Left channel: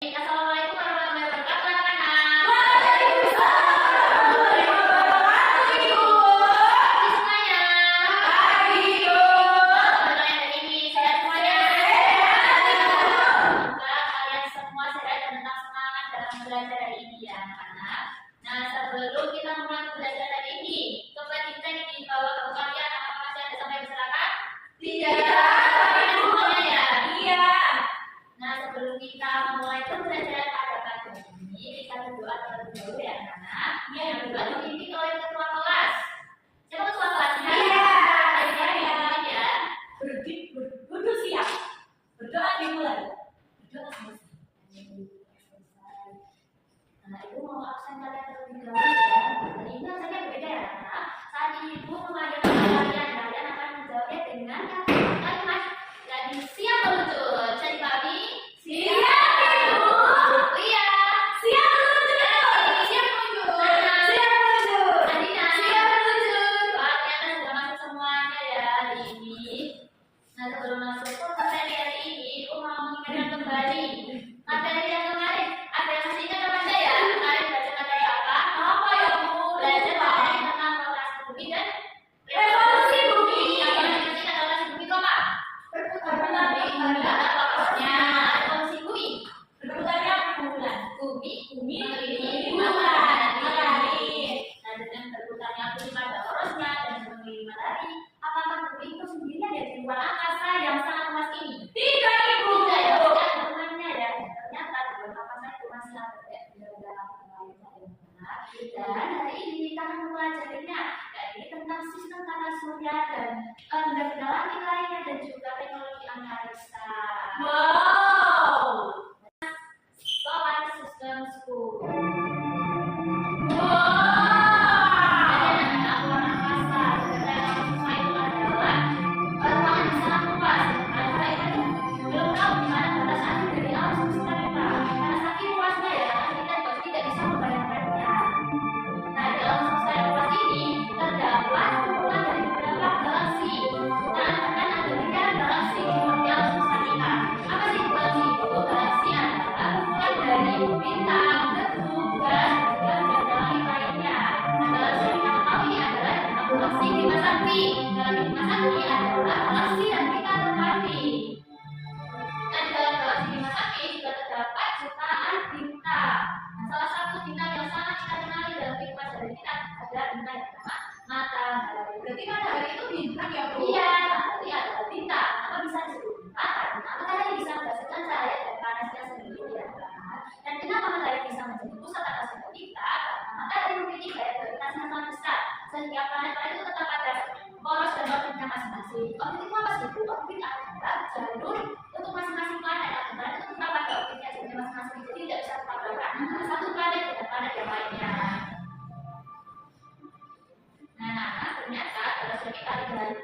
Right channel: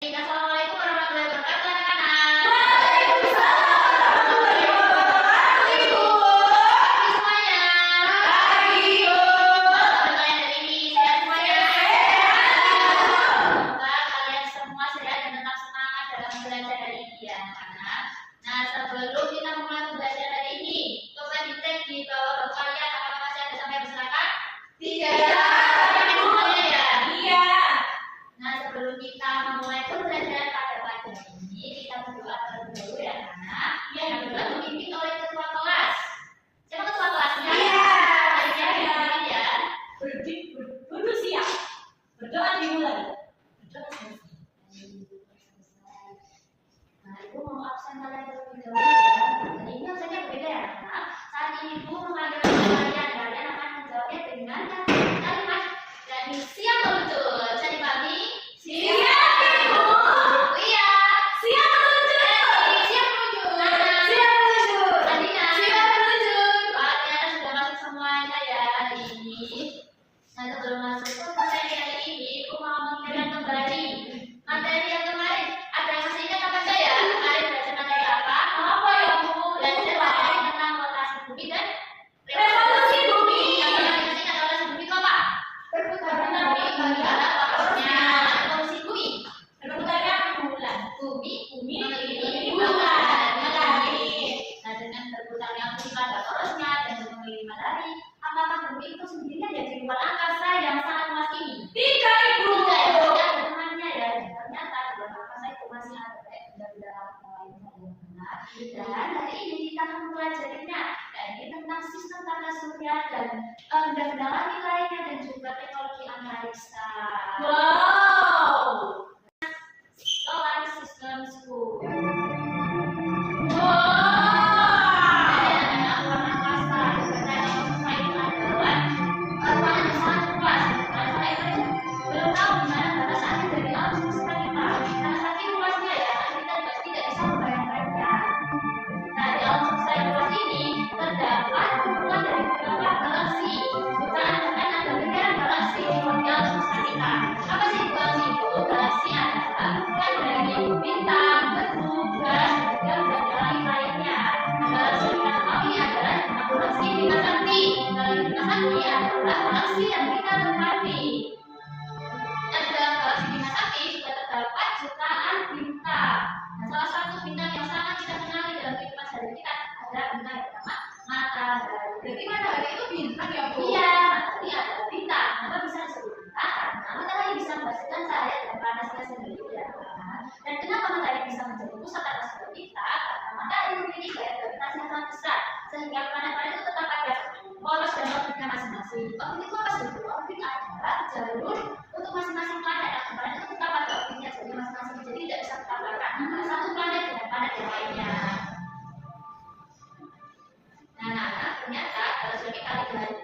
Assalamualaikum warahmatullahi wabarakatuh anak-anak. Waalaikumsalam warahmatullahi wabarakatuh. Semuanya. Pagi. Teman-teman hari ini sehat semuanya. Semoga kalian semua sehat dan tetap semangat dalam belajar hari ini ya anak-anak. Nah, sebelum kita mulai pembelajaran hari ini, coba dicek di bawah buku kalian apakah masih ada sampai berserakan? Tidak. Semuanya ya. Iya. Nah, sebelum kita memulai pembelajaran pada pagi ini, kita berdoa terlebih dahulu ya anak-anak. Yang berdoa dipimpin oleh ketua kelas. Siapa ketua kelasnya? Iya. Ayah dipimpin ya. Duduk siap. Berdoa dimulai. Berdoa selesai. Nah, ibu mau absen kalian terlebih dahulu ya. Dan ini absennya berbeda ya anak-anak. Saat ini ibu memanggil nama kalian akan menjawabnya dengan kalimat dari siap meluncur. Bisa dipahami? Siap, Ibu. Iya. Siap meluncur. Siap meluncur. Siap meluncur. Adina. Siap meluncur. Soalnya sudah masuk semuanya ya hari ini. Nah, sebelum masuk ke materi hari ini, aku mau mengingatkan kembali materi yang kemarin. Ada yang masih ingat apa enggak ya? Kemarin belajar materi apa? Apa ya, Bu? Belajar materi tentang rotasi bumi dan Revolusi bumi. Yang masih ingat rotasi bumi itu apa? Perputaran Bumi adalah fokusnya revolusi bumi. Perputaran bulan. Bumi Mengelilingi bulan. Matahari. Nah, dengan berputarnya bumi pada porosnya dan mengelilingi matahari, apakah bumi itu sendirian ya di luar angkasa yang sangat luas ini? Tidak, Ibu. Tidak ya, tidak ada temannya ya. Ternyata di luar angkasa itu masih ada benda-benda lainnya yang benar. Dan hari ini kita akan mempelajarinya, yakni tentang sistem tata surya dan benda-benda langit lainnya dan juga teknologi antariksa. Wow. Solar System School. Wow. Galaksi yang kita tempati. Dan dalam galaksi Bima Sakti juga terdapat jutaan bintang. Nah, salah satu bintang yang sangat kita kenali dalam kehidupan sehari kita adalah bintang yang bernama matahari. Berarti matahari itu bintang ya, Bu? Iya, matahari adalah bintang. Kenapa bisa disebut bintang? Karena matahari bisa menghasilkan cahaya dan panasnya sendiri ya kan? Dan kenapa matahari bisa menjadi pusat tata surya kita? Karena matahari memiliki gaya gravitasi yang sangat besar, sehingga planet-planet itu tetap ada poros dan orbitnya masing-masing. Orbit itu apa sih, Bu? Orbit adalah jalur untuk masing-masing planet. Dan planet itu tetap ada orbitnya jalurnya masing-masing. Jadi tidak bisa bertabrakan antara satu planet dengan planet yang lainnya. Nah, ternyata galaksi kita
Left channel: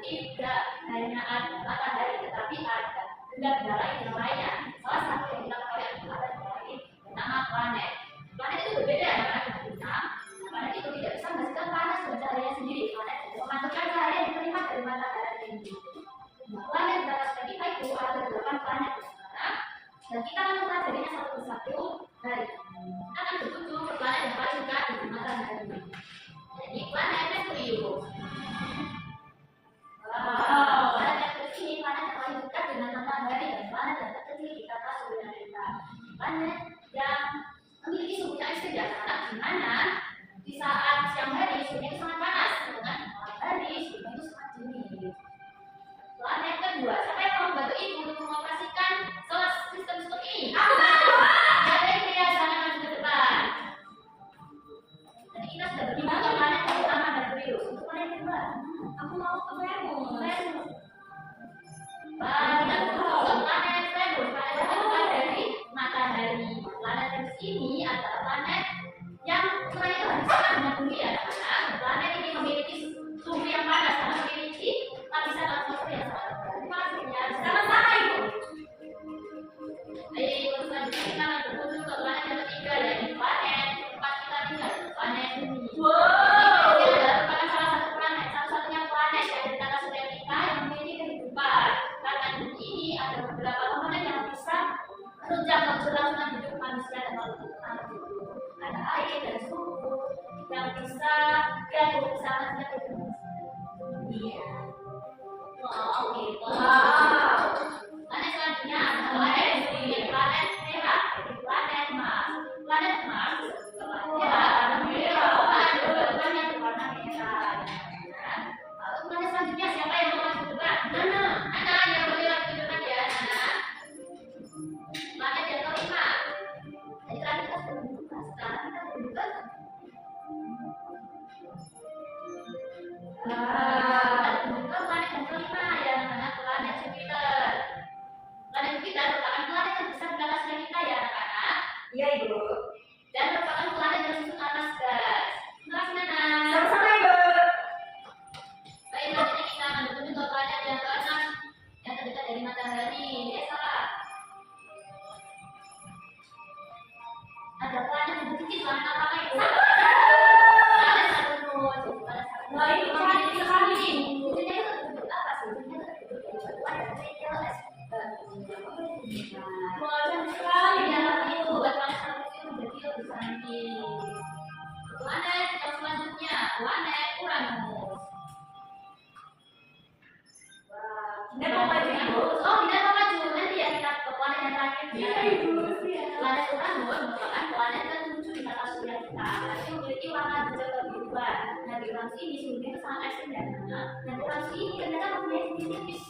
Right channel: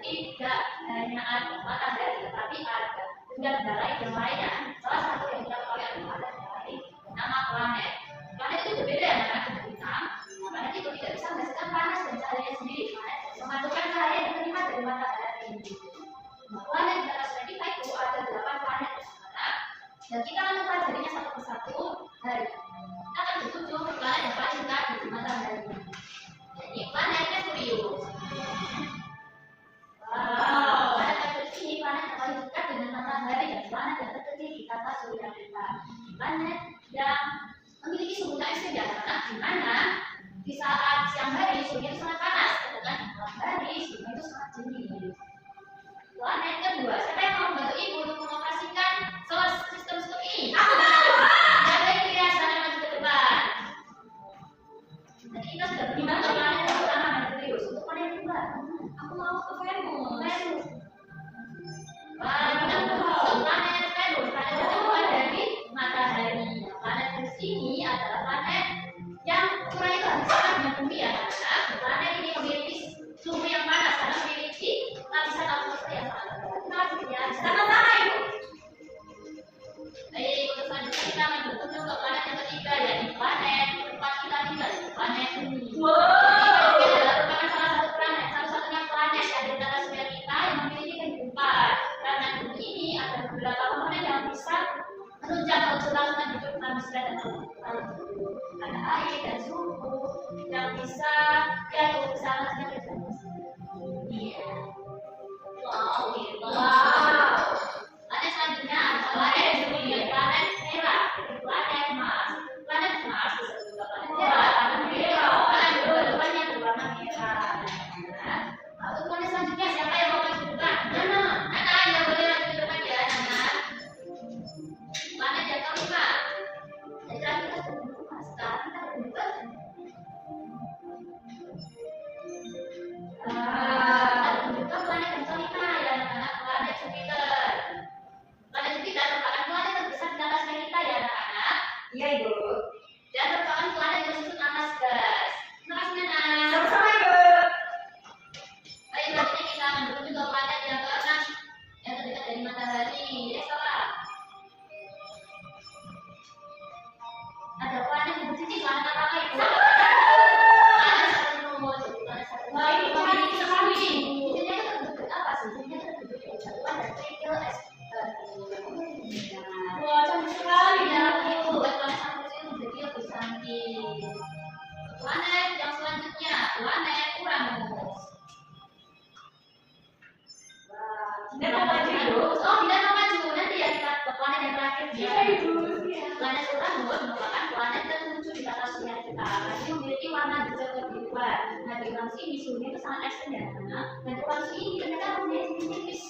tidak hanya ada matahari, tetapi ada benda-benda lain yang lainnya. Salah satu yang kita ketahui adalah ada benda lain bernama planet. Planet itu berbeda ya dengan bintang. Nah, planet itu tidak bisa menghasilkan panas dan cahayanya sendiri. Planet bisa memantul cahaya yang diterima dari matahari ini. Nah, planet di atas planet kita itu ada 8 planet di sana. Dan kita akan mempelajarinya satu persatu hari ini. Kita akan berkunjung ke planet yang paling dekat di matahari. Jadi planet Merkurius. Wow, planet Merkurius ini planet yang paling dekat dengan matahari dan planet yang terkecil di tata surya kita. Planet yang memiliki suhu yang ekstrim di atas, di mana di saat siang hari suhunya itu sangat panas, sedangkan di malam hari suhunya itu sangat dingin. Planet kedua, siapa yang mau membantu ibu untuk mengoperasikan solar system school ini? Aku mau. Ada yang pria, silakan maju ke depan. Dan kita ada air dan suhu yang bisa diatur bersama dengan iya. Wow, gitu. Wow. Planet selanjutnya adalah planet merah, planet Mars. Planet Mars disebut juga planet merah karena depannya berwarna merah. Lalu planet selanjutnya siapa yang mau maju depan? Nana yang boleh maju depan ya, Nana. Planet yang kelima. Jadi tadi kita sudah berubah, sekarang kita berubah. Kita berubah planet yang kelima ya, anak-anak, planet Jupiter. Planet Jupiter merupakan planet terbesar di atas kita ya, anak-anak. Iya, Ibu. Dan merupakan planet yang disusun atas gas. Terima kasih, Nana. Sama-sama, Ibu. Baik, selanjutnya kita akan berkunjung ke planet yang keenam yang terdekat dari matahari. Salah. Ada planet yang bercincin warna apa itu? Planet Saturnus. Planet Saturnus. Wah, ini menarik sekali. Cincinnya itu terbentuk apa sih? Cincinnya itu terbentuk dari batuan dan kerikil es. Wah, cantik sekali. Ya, itu buat planet Saturnus itu berarti lebih cantik. Planet yang selanjutnya, planet Uranus. Tidak mau maju, Ibu. Oh, tidak mau maju. Nanti ya kita ke planet yang terakhir. Iya, Ibu. Planet Uranus merupakan planet ke-7 di tata surya kita. Ini memiliki warna hijau kebiruan. Nah, di Uranus ini suhunya itu sangat ekstrim ya, Nana. Dan Uranus ini ternyata warnanya tipis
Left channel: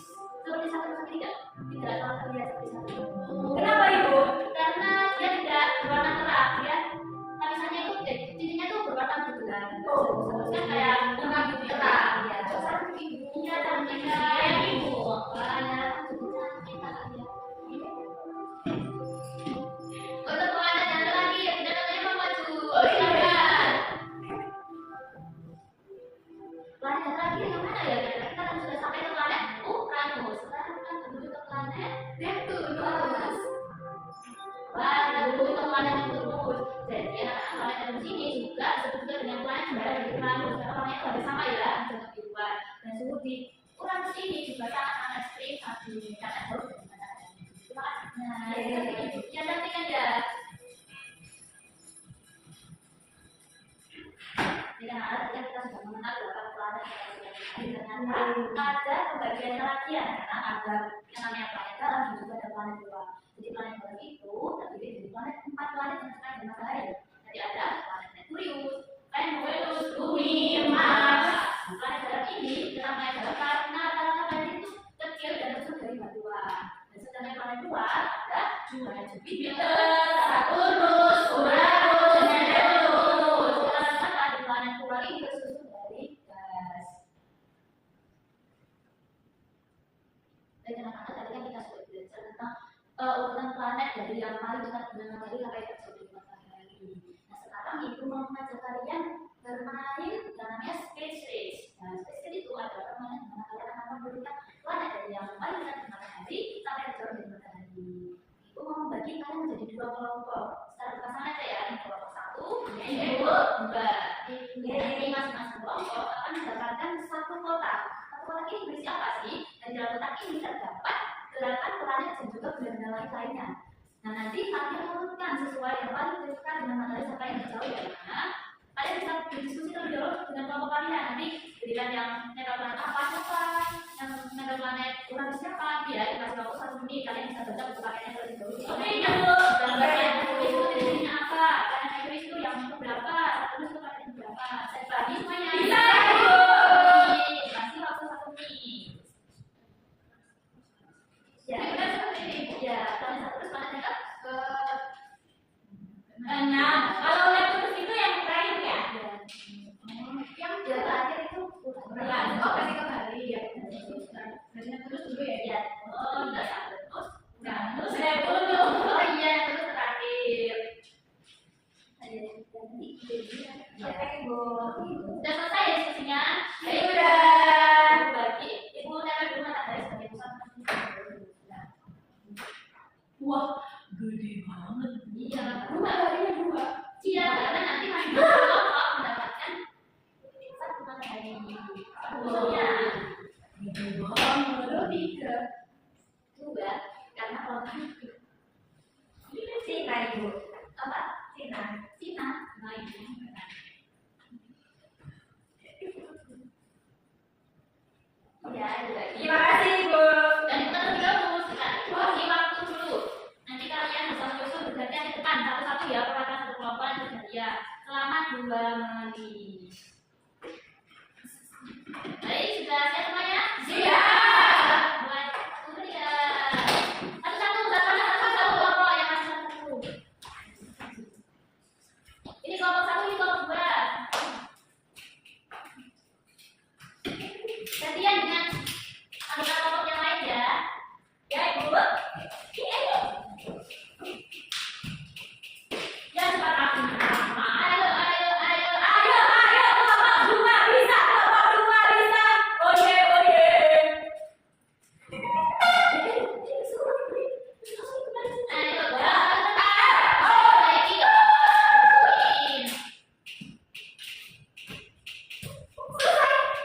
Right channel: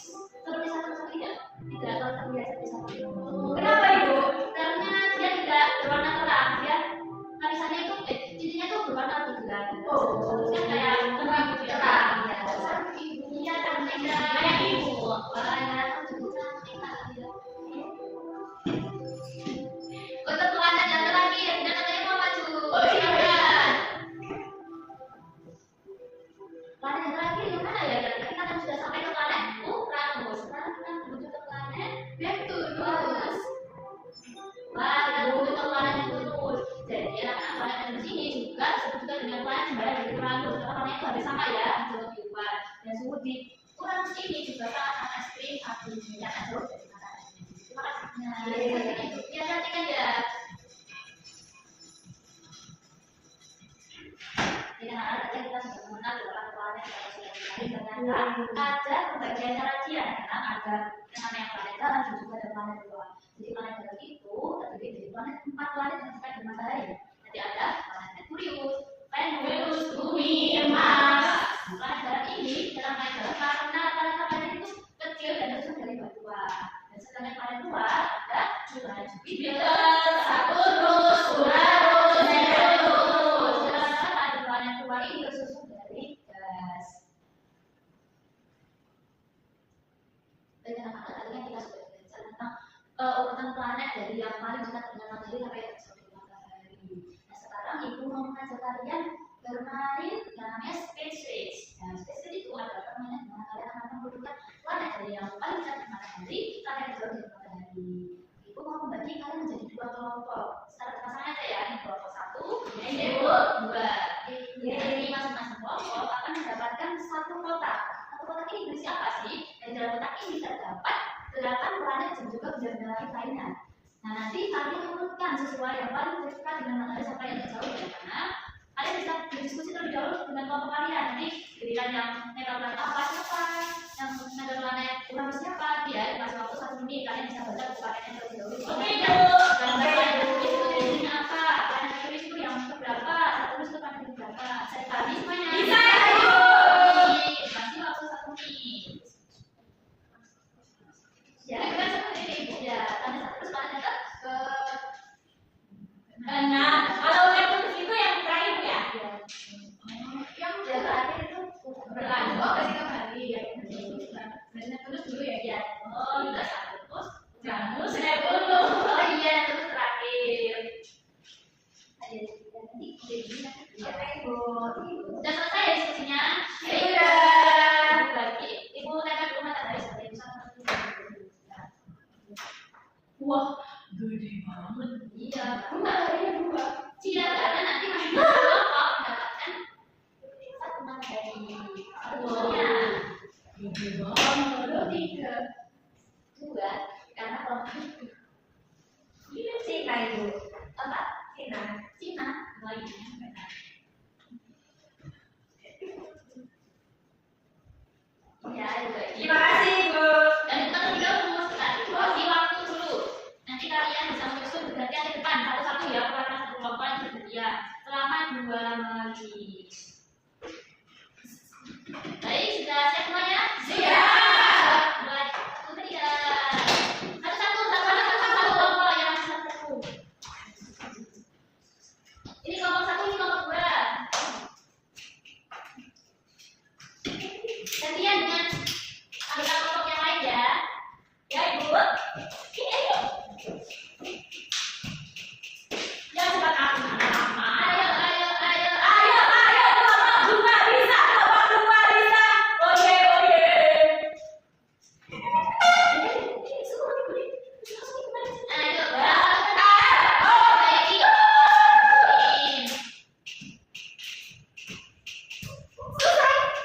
seperti Saturnus tidak terlihat seperti Saturnus. Kenapa, Ibu? Karena dia tidak berwarna terang. Dia lapisannya itu cincinnya itu berwarna lebih gelap. Saturnusnya kayak terang gitu ya. Terang, ya. Iya, cantik kayak ibu. Banyak cantik ya. Untuk planet yang terakhir, dan katanya mau maju. Silakan. Planet yang terakhir yang mana ya? Kita kan sudah sampai ke planet Uranus. Sekarang kita menuju ke planet Neptunus. Wah, kita menuju ke planet Neptunus. Jadi planet Neptunus ini juga disebut juga dengan planet kembar dari Uranus. Karena planet itu hampir sama ya, hijau kebiruan. Dan suhu di Uranus ini juga sangat ekstrim saat dibandingkan jauh dari matahari. Terima kasih. Nah, ya cantik kan ya. Jadi tadi kita sudah mengenal beberapa planet yang sudah dikali. Ternyata ada pembagiannya lagi ya, karena ada yang namanya planet dalam dan juga ada planet luar. Jadi planet dalam itu terdiri dari empat planet yang terkait dengan matahari. Nanti ada planet Merkurius, Venus, Bumi, Mars. Planet dalam ini namanya dalam karena planet itu kecil dan tersusun dari batuan. Dan sedangkan planet luar ada planet Jupiter, Saturnus, Uranus, dan Neptunus. Sedangkan planet luar ini tersusun dari gas. Dan anak-anak tadi kan kita sudah belajar tentang urutan planet dari yang paling dekat dengan matahari sampai yang jauh dari matahari. Nah, sekarang ibu mau mengajak kalian bermain yang namanya space race. Nah, space race itu adalah permainan di mana kalian akan memberikan planet dari yang paling dekat dengan matahari sampai yang jauh dari matahari. Ibu mau membagi kalian menjadi dua kelompok. Secara berpasangan aja ya, ini kelompok 1, ini kelompok 2. Jadi masing-masing kelompok akan mendapatkan satu kotak. Satu kotak ini berisi apa sih? Dan dalam kotak ini terdapat 8 planet dan juga benda-benda lainnya. Nah, nanti kalian urutkan sesuai yang paling dekat dengan matahari sampai yang jauh dari mana. Kalian bisa berdiskusi terlebih dahulu dengan kelompok kalian. Nanti giliran yang megang planet apa siapa, yang megang planet Uranus siapa. Biar dikasih waktu 1 menit kalian bisa baca buku paketnya terlebih dahulu. Oke, gambar planet Merkurius itu jenisnya apa? Planet Merkurius itu yang berapa? Saturnus itu planet berapa? Saya tadi semuanya. Bisa. Kasih waktu 1 menit. Ya, kita seperti ini. Ya, planet Saturnus planet yang ke 6. Kalau Neptunus itu yang terakhir ya? yang terakhir itu Berlanjut. Oh, kasih kembali. ya. Berarti Neptunus dulu ya? Ya. Oh, udah Saturnus. Uranus, Neptunus. Oh iya, terus terakhir. Oke, Ibu. Sudah selesai ya diskusinya? Sudah. Ibu bagi, ibu tempel rumah tangga sebagai pusat. Wah, gede banget. Iya. Rumah harinya 2. Iya, karena nanti masih kelompok mendapatkan satu matahari. Satunya. Gede banget. 3, 2, karena kelompok itu. Cina, Ibu. Apa? Cina. satu-satu ya, perhatikan satu kelompok yang bergantian selama 2 menit. Baik, sudah siap semuanya? Siap. Mulai 1, 3. Satu-satu kelompok yang masih satu. Ini kelompok 1, ini kelompok 2. Gantian dengan anggota kelompok yang lain ya. Ya, Ibu. Ini ayo. Yang cepat aku. Ayo. Bunga bisa. Oye. Ayo.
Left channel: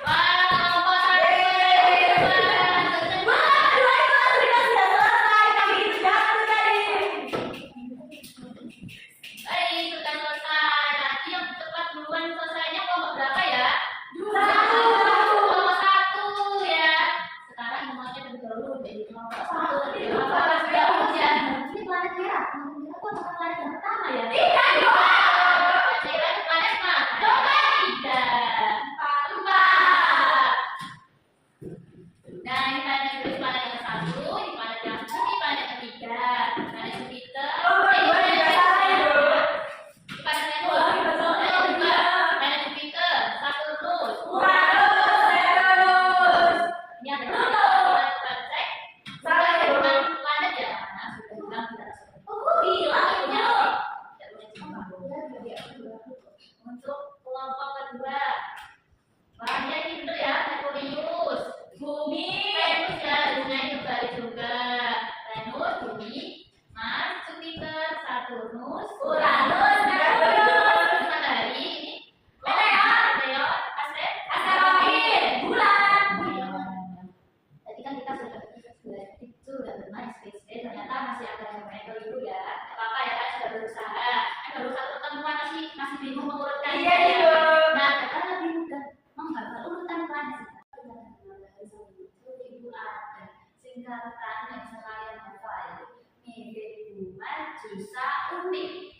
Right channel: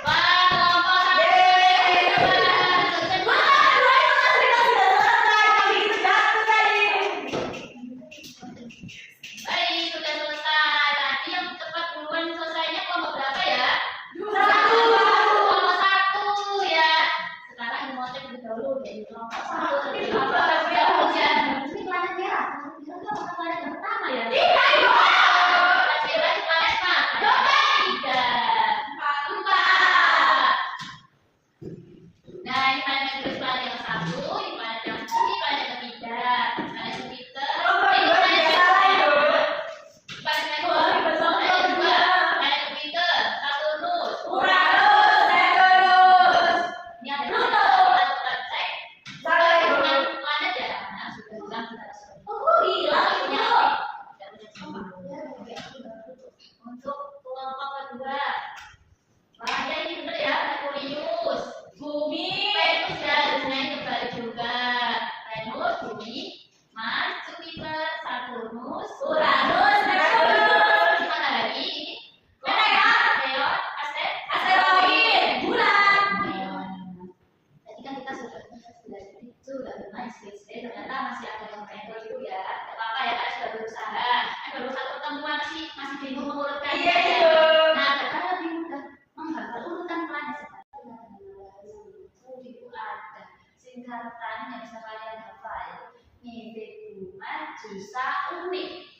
Wah, kelompok 1. Baik, sudah selesai. Tadi yang cepat duluan selesainya kelompok berapa ya? Kelompok 1 ya. Sekarang Imhotep lebih dahulu jadi kelompok 1. Ini planet merah. Planet merah itu apakah planet yang pertama ya? Planet merah di planet mana? 3, 4. Nah, ini planet yang kedua, planet yang 1, ini planet yang 2, ini planet ketiga. Planet Jupiter. Untuk kelompok kedua, bahannya ini bener ya, Merkurius, Bumi, Venus ya, dunia kembali juga. Venus, Bumi, Mars, Jupiter, Saturnus, Uranus, Neptunus, matahari, meteor, asteroid, bulan. Tadi kan kita sudah bermain space day, ternyata masih ada yang mentor itu ya. Tidak apa-apa ya, kalian sudah berusaha. Baru satu pertemuan masih bingung mengurutkan. Nah, kita lebih mudah menghafal urutan planet. Itu ada singkatan yang bisa kalian hafal. Mebe, Buma, Jusa, Unik.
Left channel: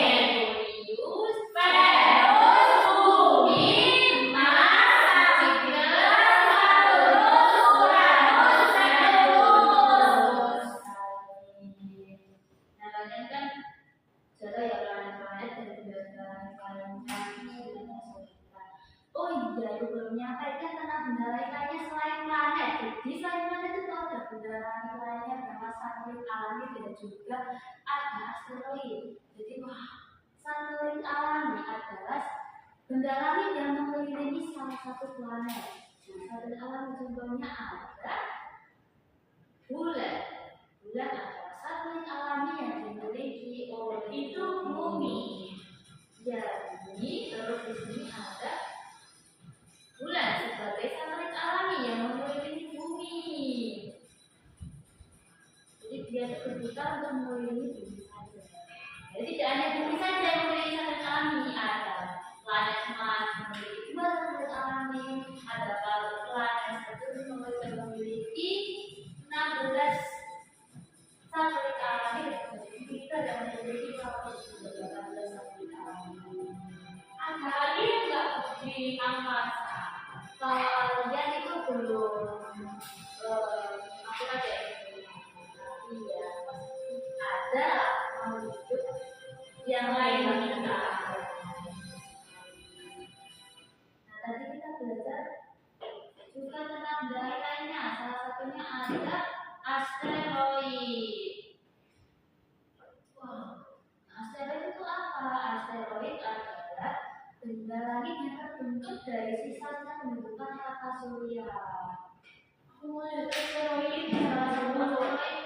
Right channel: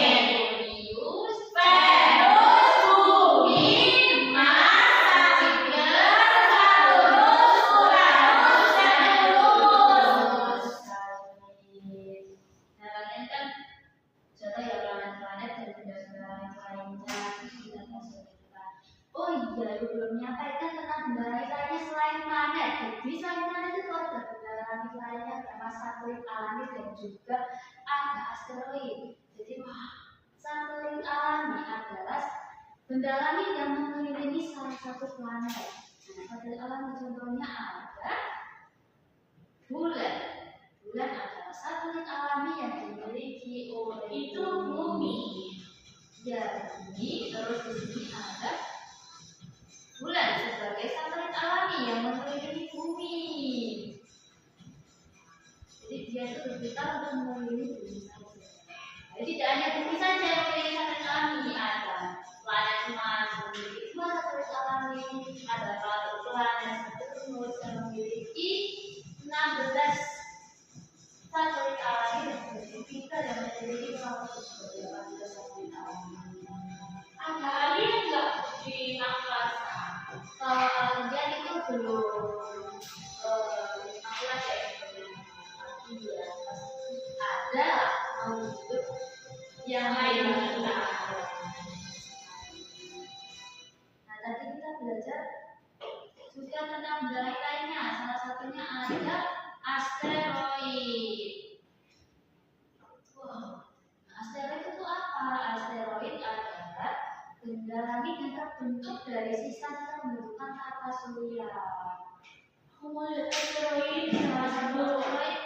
Merkurius, Venus, Bumi, Mars, Jupiter, Saturnus, Uranus, Neptunus. Nah, kalian kan sudah ya planet-planet dan benda-benda yang lainnya sudah kita. Oh iya, ibu belum menyampaikan tentang benda lainnya selain planet. Jadi selain planet itu ada benda langit lainnya, bernama satelit alami dan juga ada asteroid. Jadi satelit alami adalah benda langit yang mengelilingi salah satu planet. Nah, satelit alami contohnya ada bulan. Bulan adalah satelit alami yang dimiliki oleh Bumi. Ya, Bumi. Terus di sini ada bulan sebagai satelit alami yang mengelilingi Bumi. Jadi dia itu berputar untuk mengelilingi Bumi saja. Jadi tidak hanya Bumi saja yang memiliki satelit alami, ada planet Mars memiliki 2 satelit alami, ada planet Saturnus yang memiliki 16 satelit alami, dan Jupiter yang memiliki 18 satelit alami. Ada alien nggak di angkasa? Kalau alien itu belum, aku aja yang iya pasti ada makhluk hidup yang lain yang kita. Nah, tadi kita belajar juga tentang benda lainnya. Salah satunya ada asteroid. Asteroid itu apa? Asteroid adalah benda langit yang terbentuk dari sisa-sisa pembentukan tata surya. Aku mau lihat asteroid. Salah satu asteroid,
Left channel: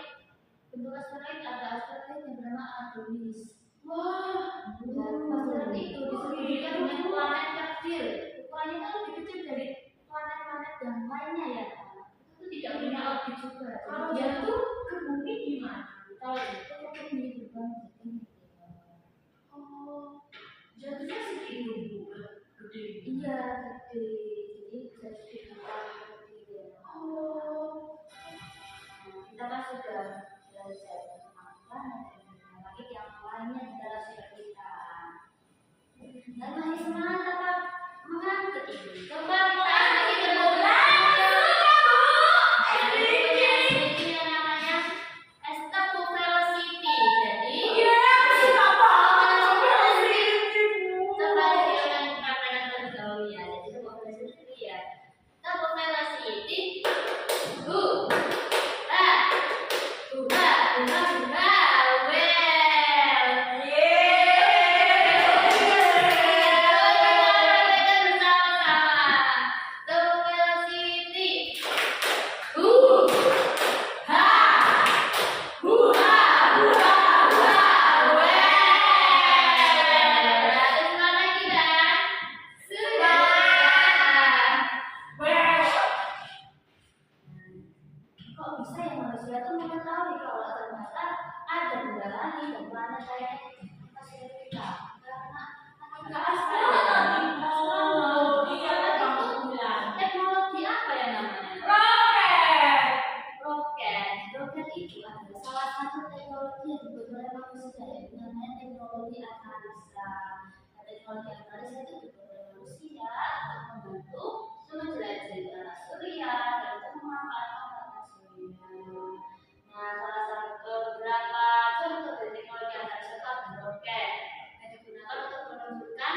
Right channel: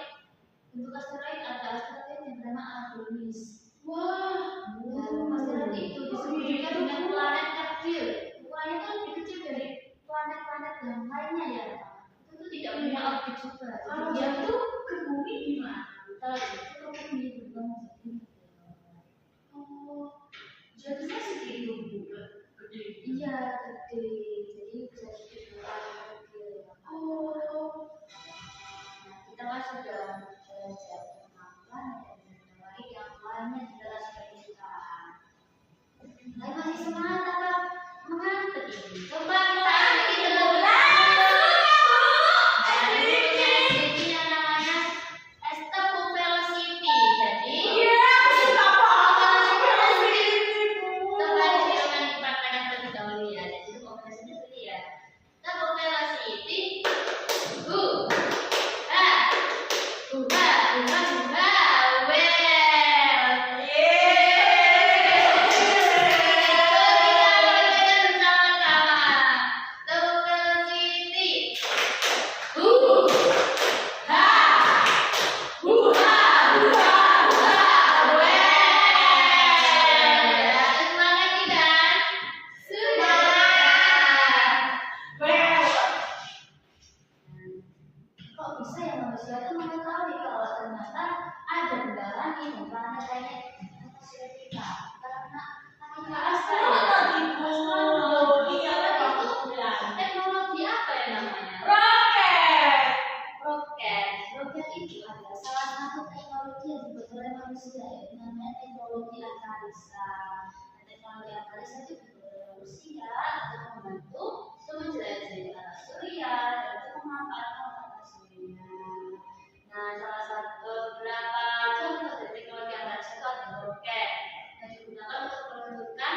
bentuk asteroid ada asteroid yang bernama Adonis. Wah, asteroid itu disebutkan dengan planet kecil. Ukurannya kan lebih kecil dari planet-planet yang lainnya ya. Itu tidak punya orbit juga. Kalau jatuh ke bumi gimana? Kalau itu ke bumi berbang jadi. Oh, jatuhnya segitu gede. Iya, gede. Jadi bisa jadi kecil ya. Oh, Nah, kita sudah belajar tentang planet dan lagi yang lainnya di dalam kita. Dan masih semangat tetap mengantuk ini. Coba kita lagi ini yang namanya Estable Velocity. Jadi coba diulangi praktekkan terlebih dahulu ya. Jadi itu velocity dulu ya. Estable Velocity. Kok bisa ya manusia itu mengetahui kalau ternyata ada benda langit dan planet kayak atmosfer kita? Karena teknologi apa ya namanya? Roket itu adalah salah satu teknologi yang dibuat oleh manusia, yaitu namanya teknologi antariksa. Nah, teknologi antariksa itu dibuat oleh manusia untuk membantu menjelajahi tanah surya dan untuk memanfaatkan tanah surya. Nah, salah satu beberapa contoh dari teknologi antariksa itu adalah roket yang digunakan untuk menunjukkan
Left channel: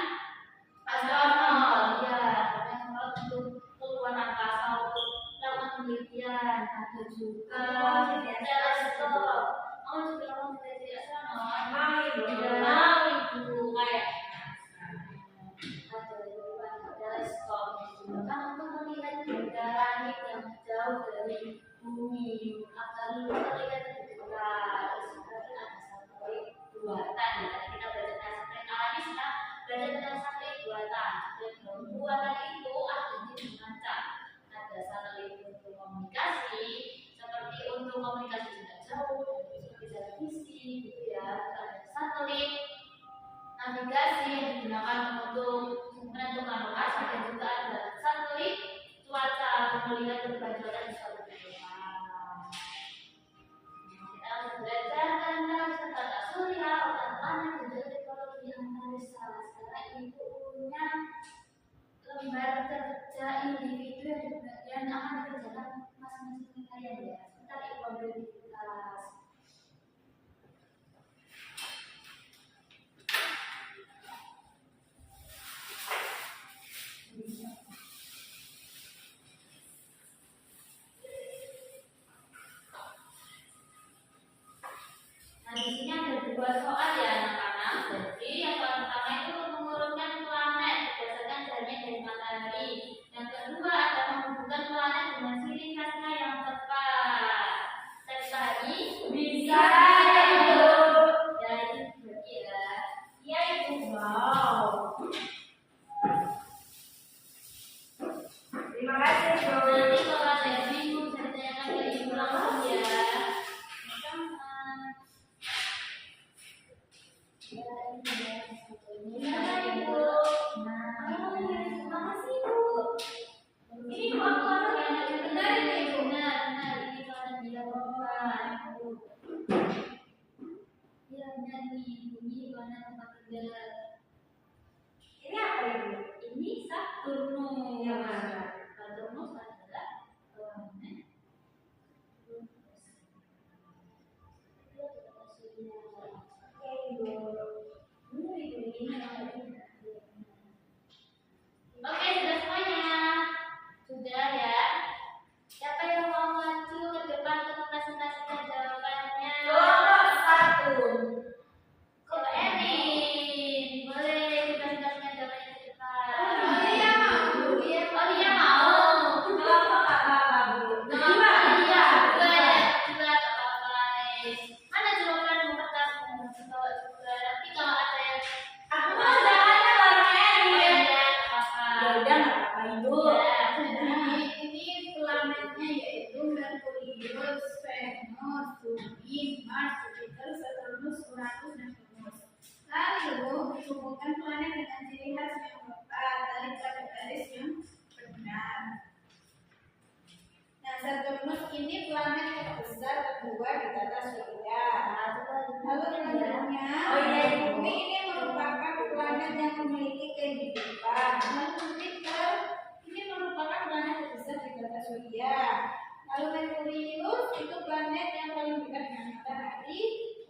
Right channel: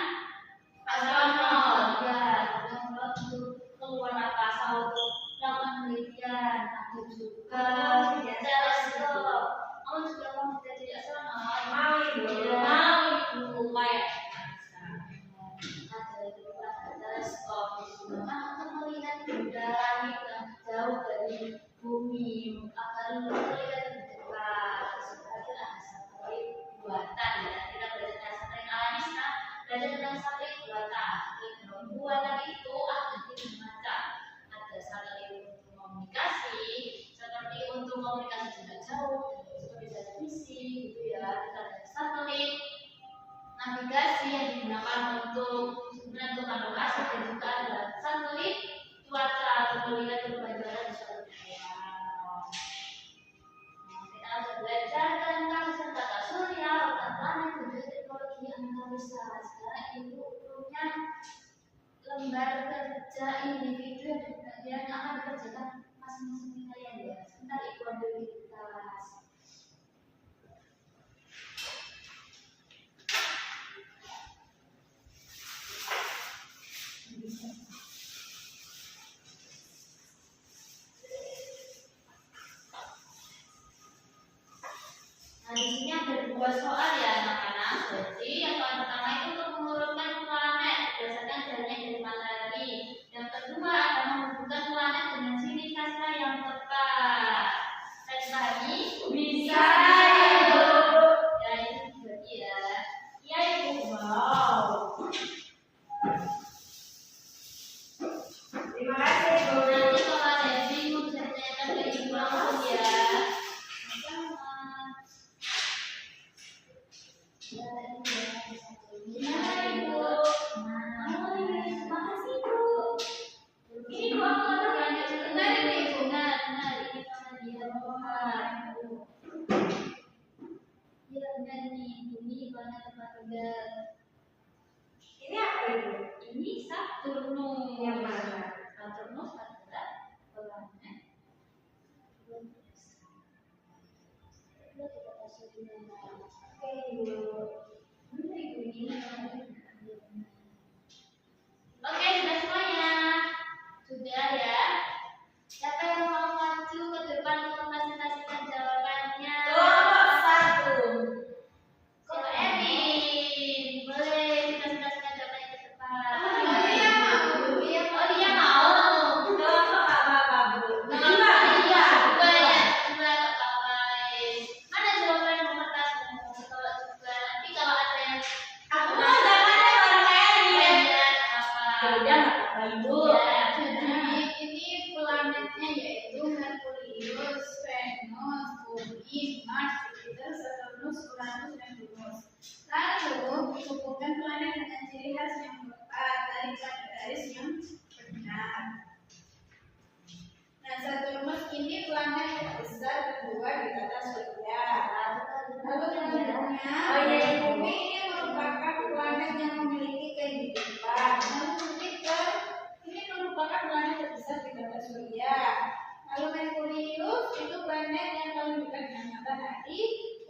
astronot, ya, astronot untuk keluar angkasa untuk melakukan penelitian. Ada juga teleskop. Mau juga mau jadi astronot? Mau itu kayak ada juga teleskop digunakan untuk melihat benda langit yang jauh dari bumi agar terlihat lebih dekat. Terus lagi ada satelit buatan ya. Kita belajar tentang satelit alami, sekarang belajar tentang satelit buatan. Satelit buatan itu ada tiga macam. Ada satelit untuk komunikasi, seperti untuk komunikasi jarak jauh, seperti televisi gitu ya. Ada satelit navigasi yang digunakan untuk menentukan lokasi, dan juga ada satelit cuaca untuk melihat perbedaan di suatu daerah. Kita harus belajar tentang tata surya, otak planet, dan juga teknologi antariksa. Sekarang ibu punya lembar kerja individu yang akan dikerjakan masing-masing kalian ya. Sebentar ibu ambil di tas. Nah, di sini ada dua soal ya anak-anak. Jadi yang soal pertama itu untuk mengurutkan planet berdasarkan jaraknya dari matahari. Yang kedua adalah menghubungkan planet dengan ciri khasnya yang tepat. Saya dipahami? Bisa. Ya, itu dibagi ya. Iya ibu. Wow. Terima kasih ibu. Nanti kalau ada yang bingung bisa ditanyakan ke ibu langsung ya. Ini apa ibu? Ini Saturnus. Yang mana? Saturnus adalah planet Oke ibu. Oke, sudah semuanya. Sudah ya. Siapa yang mau maju ke depan untuk mempresentasikan jawabannya? Nomor 1. Coba Erin, boleh dipresentasikan jawabannya ke depan. Oh, dia mau. Oh, dia mau. Kelompok apa bu? Dua ya, mana jawaban kertas? Kalau juga nanti kalau ada yang Aku mau di tata surya. Lalu Lalu selanjutnya, bumi ini merupakan planet yang memiliki kehidupan. Lalu Jupiter ini merupakan planet terbesar di tata surya. Lalu Merkurius itu planet yang paling dekat dengan matahari.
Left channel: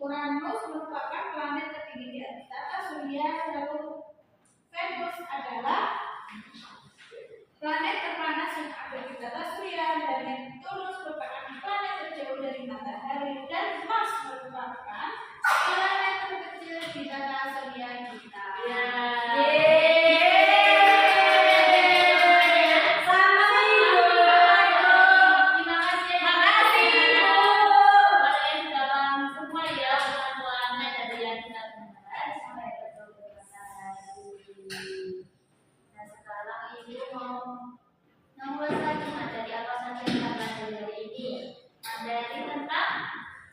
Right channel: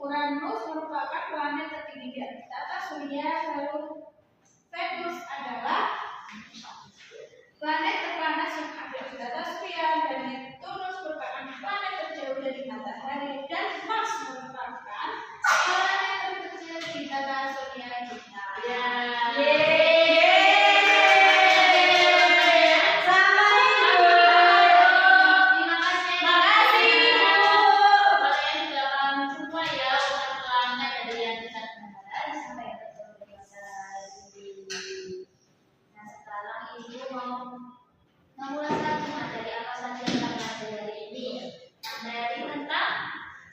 Uranus merupakan planet tertinggi di tata surya. Lalu Venus adalah planet terpanas yang ada di tata surya, dan Neptunus merupakan planet terjauh dari matahari, dan Mars merupakan planet terkecil di tata surya kita.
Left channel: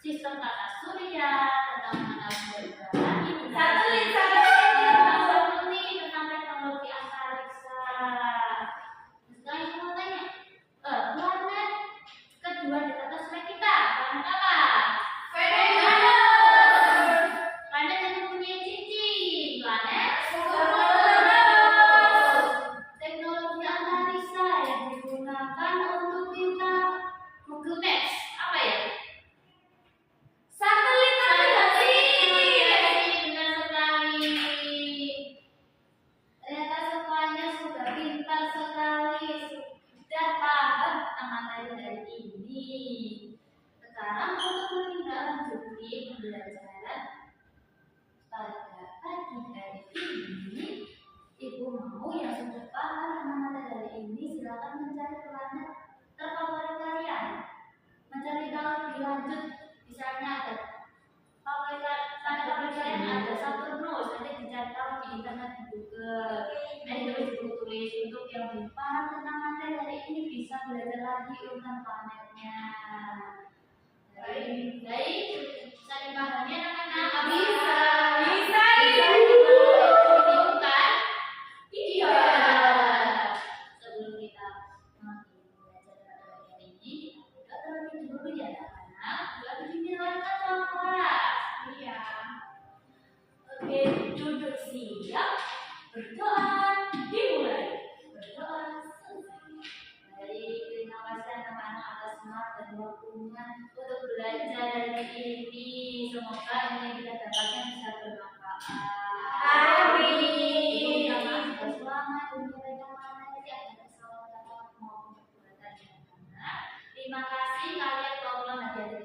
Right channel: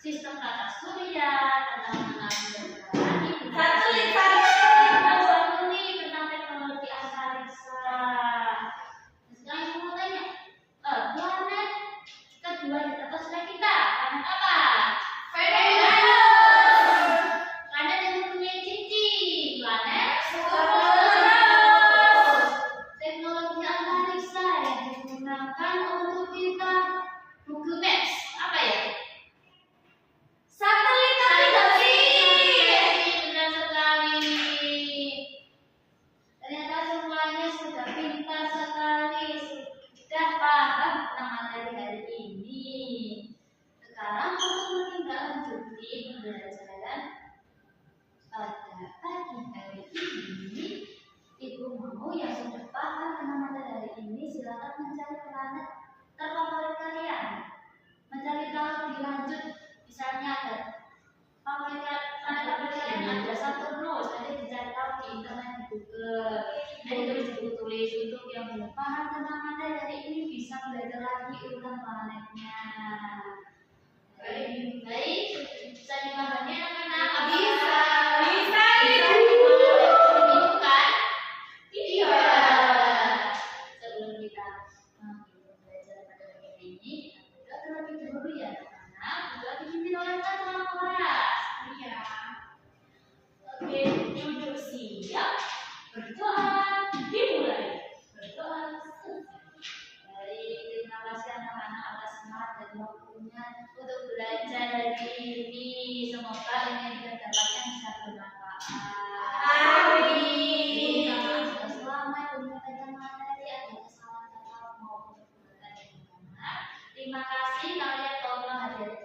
Sistem tata surya, tentang mengenal bulan, Satelit. tentang teknologi antariksa. Sekarang saya mau tanya, planet kedua di tata surya kita, planet apa? Venus. Planet yang mempunyai cincin, planet Uranus. teknologi antariksa yang digunakan untuk kita Google Maps, apa ya? Satelit navigasi. Benar sekali. Ternyata semuanya sudah pintar sekali, sudah paham tentang materi hari ini. Sekarang untuk menindaklanjuti pembelajaran pada pagi hari ini, Ibu mau yang sudah paham tentang materi hari ini silakan mencari planet terfavorit kalian, mencari tahu lebih lanjut. Misalnya ada planet favorit kalian ada Saturnus, nanti dicari tahu di internet di Google, dan ditulis di buku tulis. Untuk yang belum paham tentang materi hari ini bisa belajar lagi urutan planetnya. Baik, bisa dipahami anak-anak? Bisa. Bingung kan? Iya. Sebelum kita belajar pada pagi hari ini, kita berdoa terlebih dahulu ya anak-anak. Berdoa dipimpin oleh ketua kelas. Iya. Oke, duduk siap. Berdoa dimulai. Berdoa selesai. Baik, terima kasih anak-anak atas semangat dan waktunya untuk belajar hari ini. Semoga ini yang kita dapatkan bisa bermanfaat. Amin. Kita juga selama menyampaikan materi ada kesalahan kata maupun perbuatan yang benar. Terima kasih kalian telah hadir